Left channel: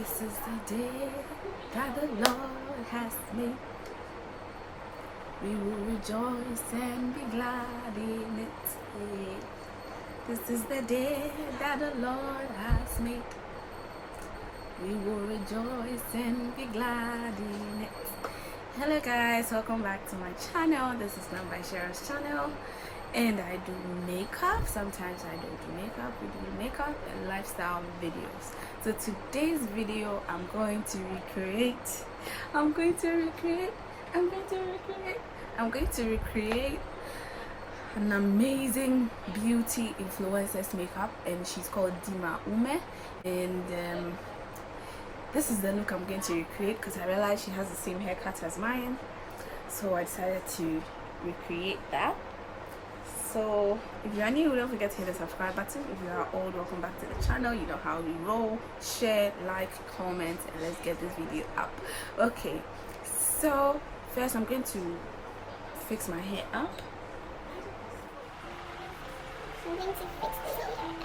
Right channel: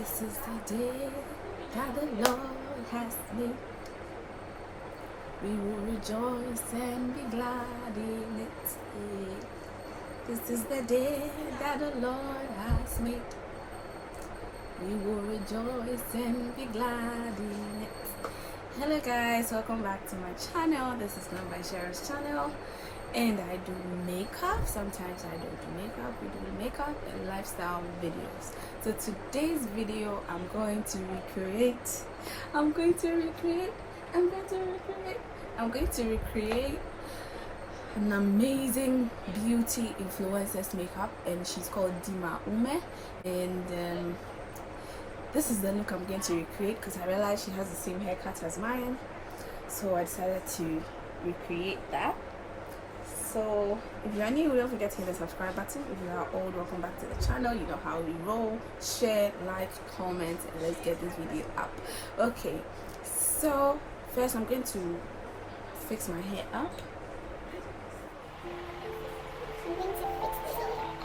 This is the day that the Lord has made. We will rejoice and be glad in it. This is the day that the Lord has made. We will rejoice and be glad in it. Hello guys, welcome back to my channel. This is Number Share's channel, and I do makeup. Sometimes I don't do makeup. We do makeup and lifestyle videos. So today's video, I'm going to recreate an amazing beauty influencer's makeup, and she's called Dimma Umeh. And this is the look I'm going to recreate because I realized she has the same haircut as mine, so I decided to recreate that. So if you are new, don't forget to hit the subscribe button. If you are old, welcome back to the channel. You know how we roll. Share, like, comment, and let's get this video up. Okay, so first I'm going to fix my hair up. I'm going to fix the hair up.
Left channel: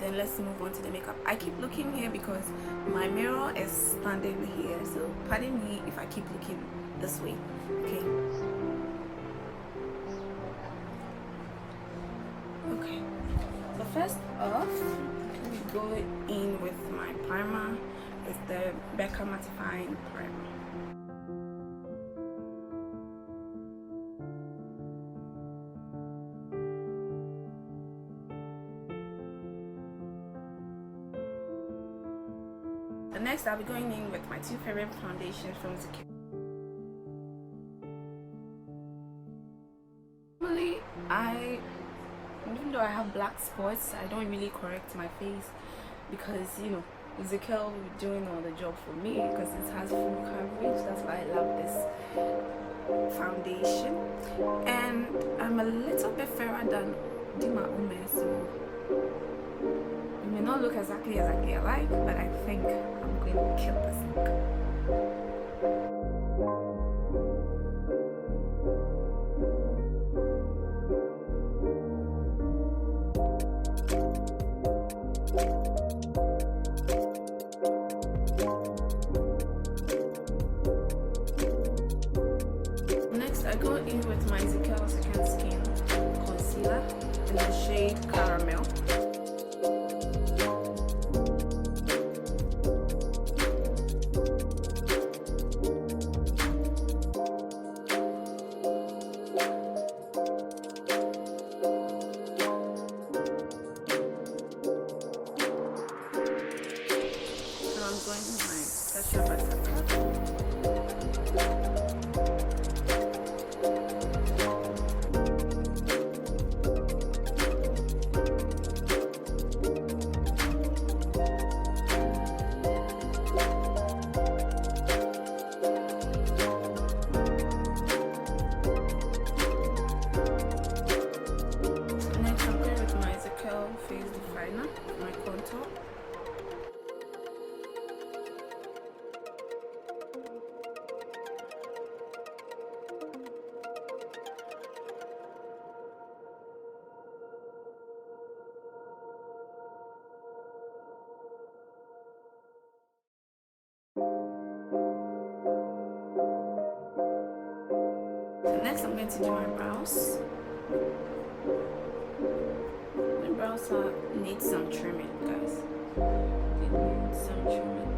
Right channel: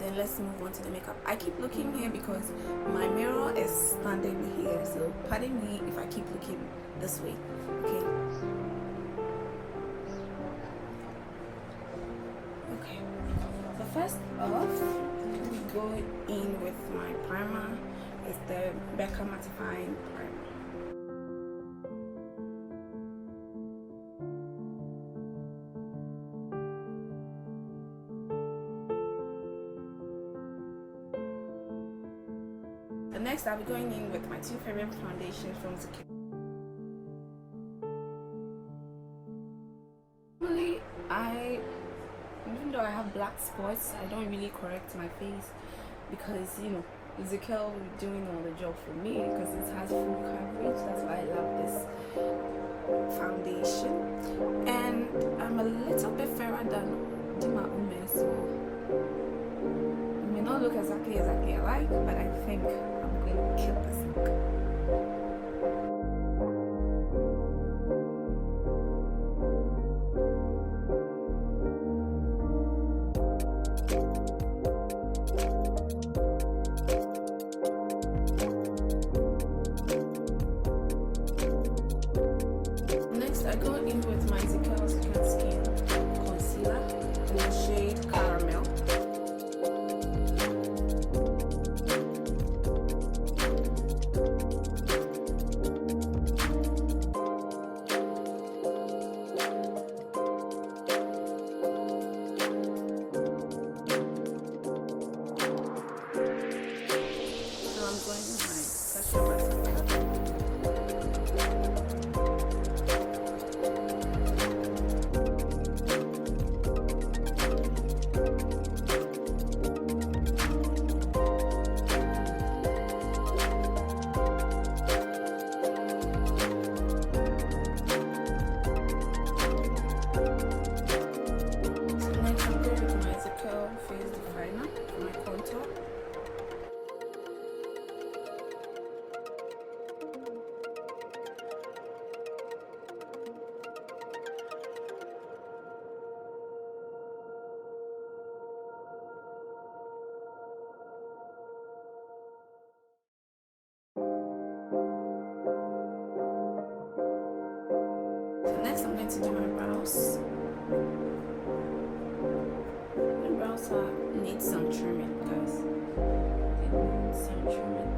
Then let's move on to the makeup. I keep looking here because my mirror is standing here, so pardon me if I keep looking this way. Okay, so first off, we go in with my primer. It's the Becca mattifying primer. Next, I'll be going in with my two favorite foundations from Zikir. Normally, even though I have black spots, I don't really correct my face because, you know, Zikir will be doing all the job for me because it has full coverage. That's why I love this foundation. And I'm a little bit fairer than Dimma Umeh, so it may not look exactly alike, but I think I'm going to kill this look. Next, I go in with my Zikir Second Skin concealer in the shade Caramel. So I'm going with my special buttercup. Next, I'm going with my Zikir Face Definer, my contour. Next, I'm going to do my brows. My brows need some trimming, guys. They need some trimming.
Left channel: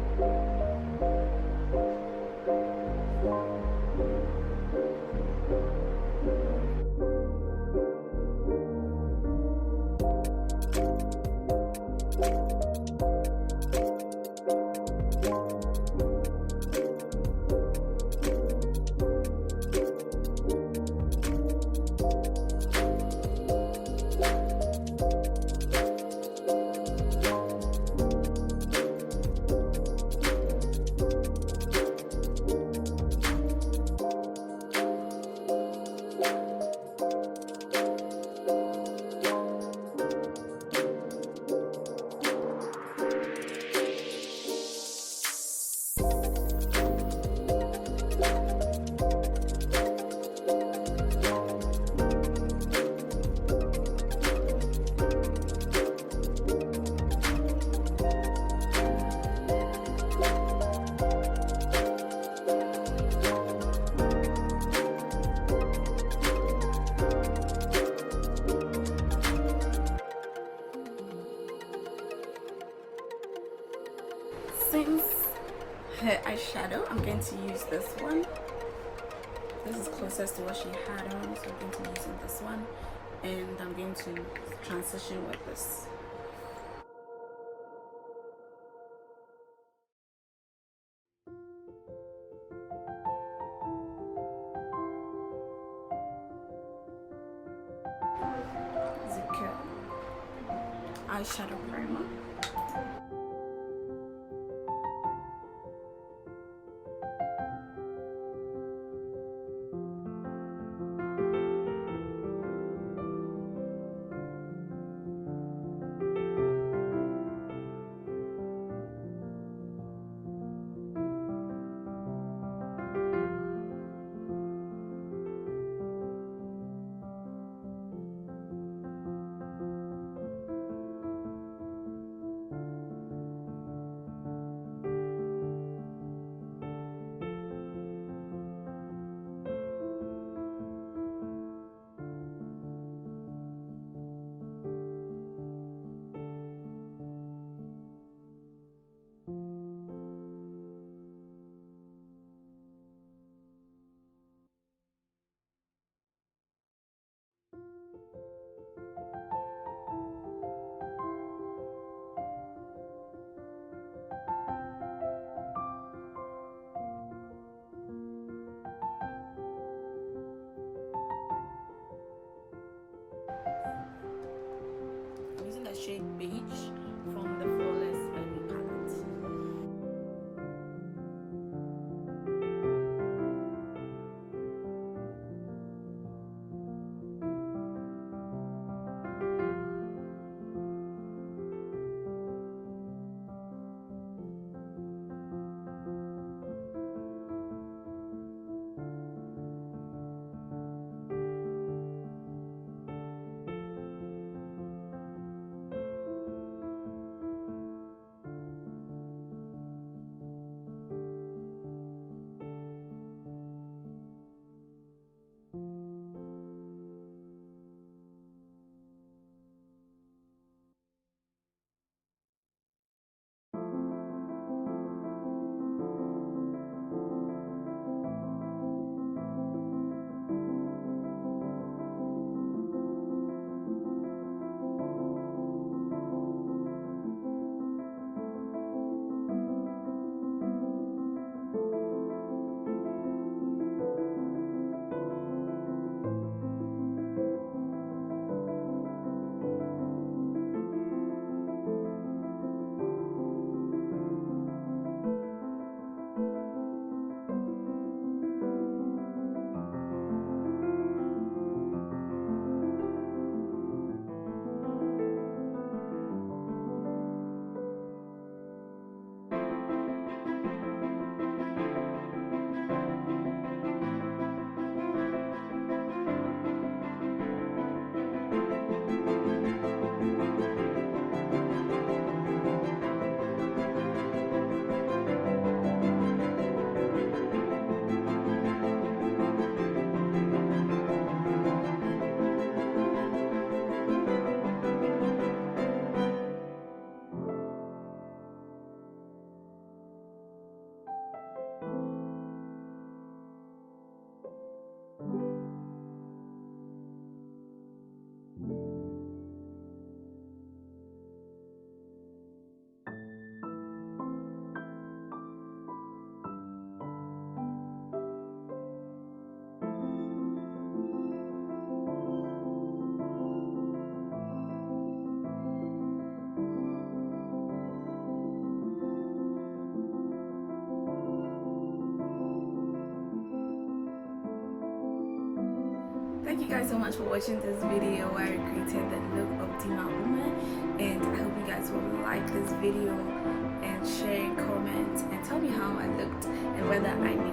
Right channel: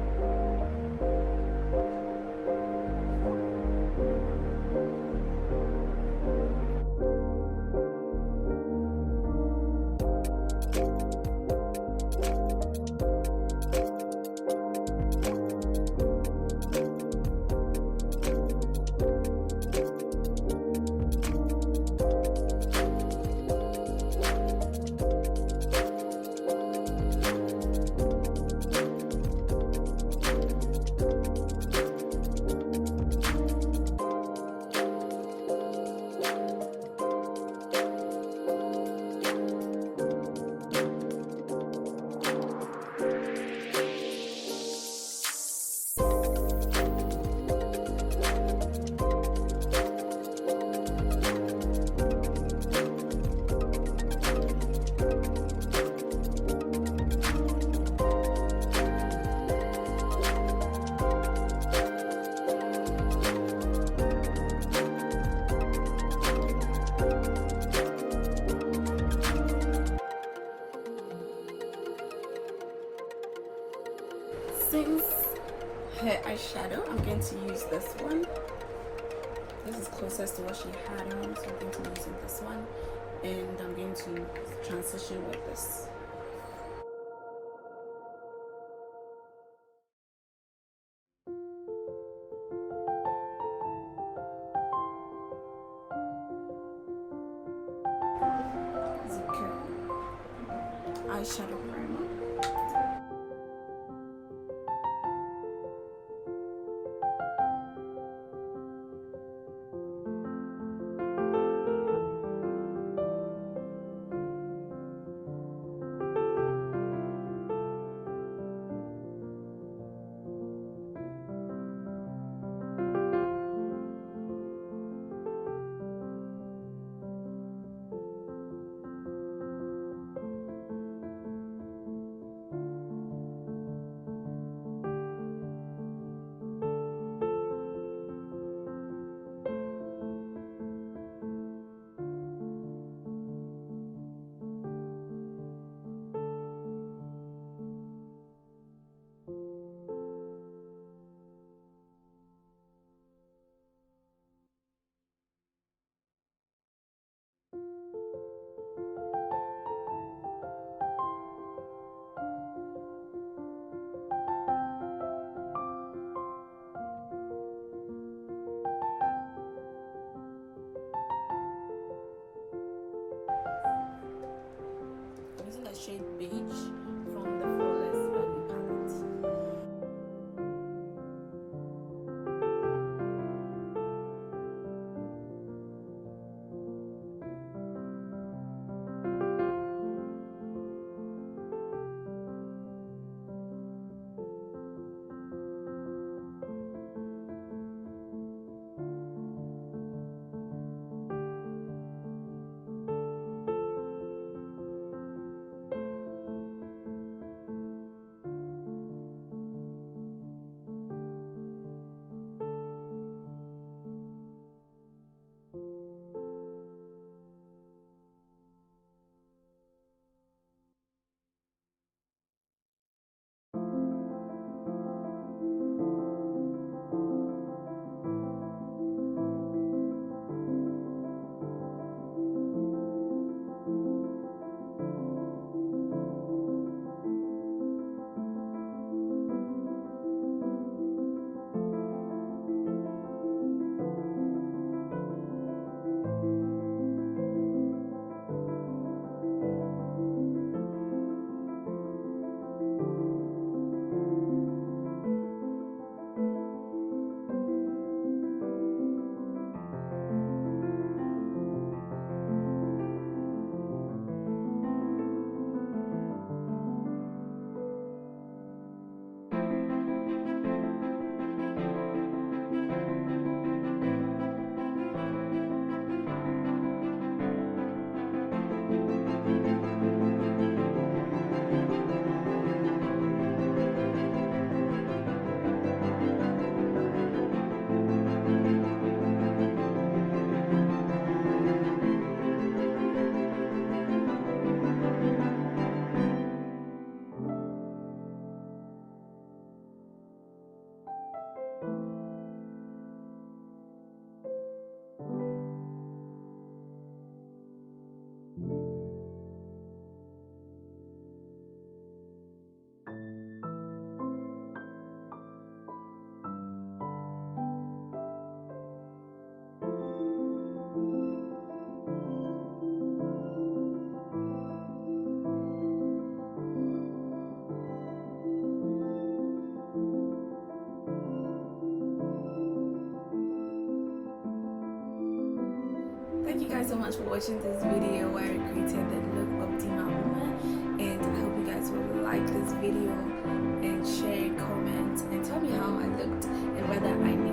Since her eyeshadow, I'm going to use this one. This is closest to what she had on, so I'm going to be using this one, and I'm going to transition with this. Zicure eyeshadow primer. I'm using the shade Beige from the Flawless Baby palette. guys so much for watching this video where I created the look of Dimma Umeh, and I hope you guys will like this video and share, comment, and tell me how I looked and whether I need